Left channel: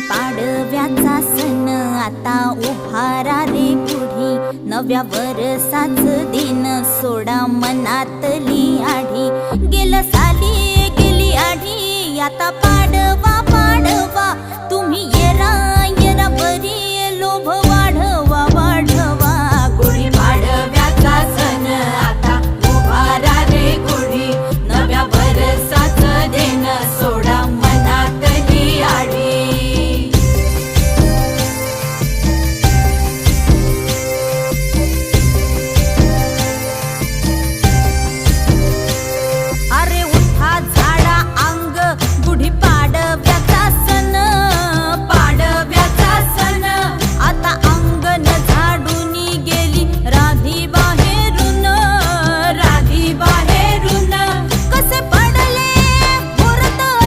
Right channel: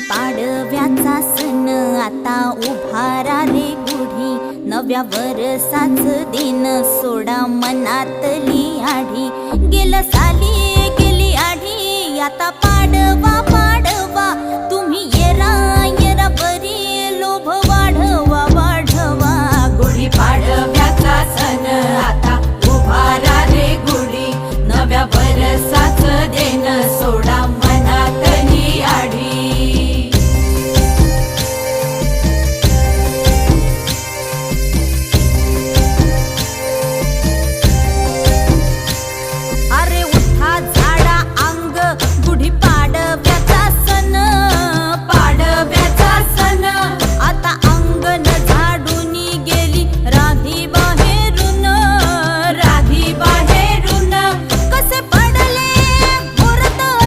पाडव्याचा सण आता उभारा रे गुढी, नव्या वर्षाच दिन सोडा मनातली आढी. गेलं साली गेली आढी, आता पाडवा पाडवा, तुम्ही येरा येरा बरी, लोभ वाढवा वाढवा. गुढी पाडव्याचा सण आता उभारा रे गुढी, नव्या वर्षाच दिन सोडा मनातली आढी. अरे उठा झाडा अंग, गुढी